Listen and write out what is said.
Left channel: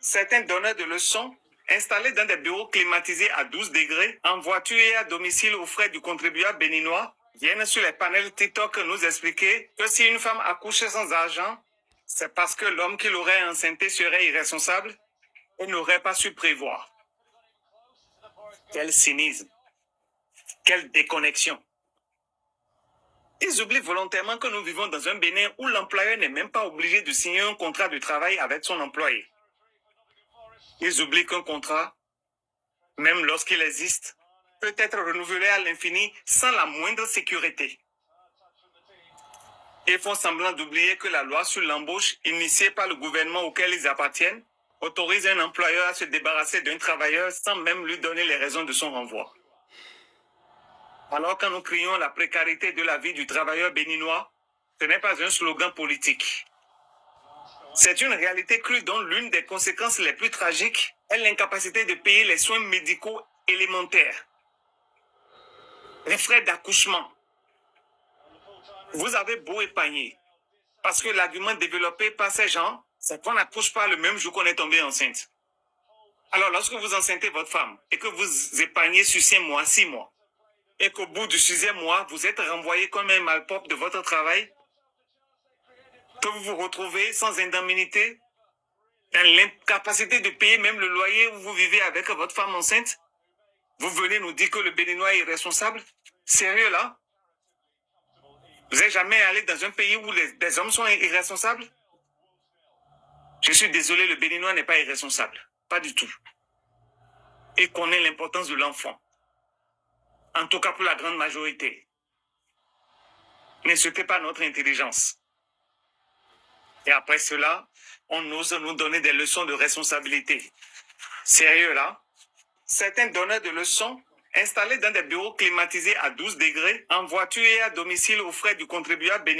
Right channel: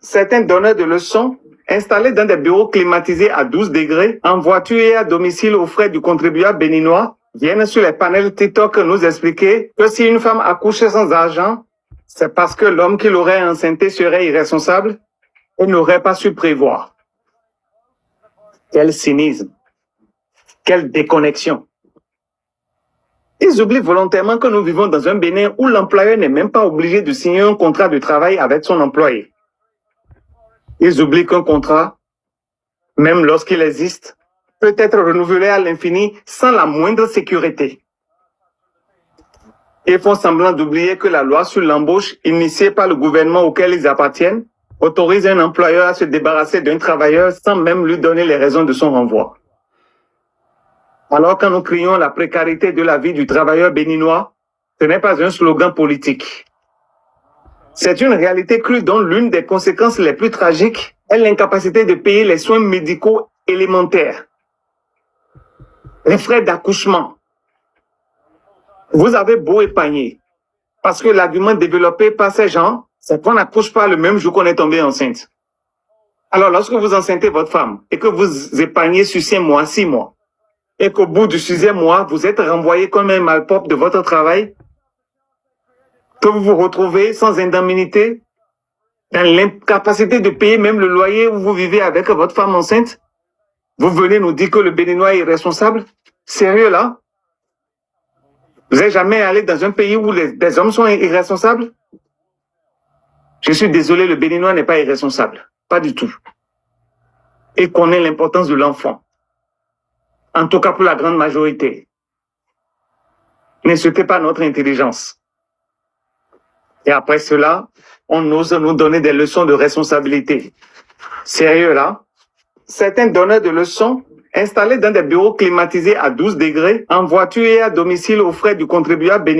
Certains donneurs de leçons installés dans des bureaux climatisés à 12 degrés, en voiture et à domicile aux frais du contribuable béninois, viennent sur les panels TikTok nous expliquer que si une femme accouche sans argent, c'est parce que l'homme qui l'aurait enceintée serait irresponsable et n'aurait pas su prévoir. Quel cynisme! Quelle déconnexion! Ils oublient volontairement que nous vivons dans un Bénin où l'employeur n'est même pas obligé de signer un contrat de travail avec son employé. Ils oublient qu'un contrat, même lorsqu'il existe, peut être renouvelé à l'infini sans la moindre sécurité. Ils font semblant d'oublier que la loi sur l'embauche initiée par le gouvernement auquel ils appartiennent autorise un employeur à se débarrasser d'un travailleur sans même lui donner les raisons de son renvoi. Alors quand nous crions la précarité de la vie du travailleur béninois, ce n'est pas un slogan politique. C'est une réalité crue dont l'une des conséquences les plus tragiques est l'incapacité de payer les soins médicaux élémentaires, les frais d'accouchement. Vous avez beau épargner, parce que l'argument développé par ces gens, c'est qu'on n'accouche pas le même jour qu'on est tombé enceinte. Alors lorsque vous enceintez votre femme et que vous épargnez sur 5 mois, 6 mois, et qu'au bout du 6e mois, vous êtes renvoyé comme un malpropre de votre travail, que vous vous retrouvez sans indemnité, dans l'incapacité de payer même le loyer où vous vivez avec votre femme enceinte, vous venez nous dire que le Béninois est irresponsable? Sérieux là? Vous n'êtes jamais allé dans un pays où les hommes sont irresponsables? Je suis désolé, le Béninois n'est pas irresponsable. Pas du tout. Il connaît l'importance de l'enfant. En tout cas pour la grande majorité. N'insultez pas notre intelligence. Et après cela, on ose nous donner des leçons de responsabilité. Sérieux là? Certains donneurs de leçons installés dans des bureaux climatisés à 12 degrés, en voiture et à domicile aux frais du contribuable béninois.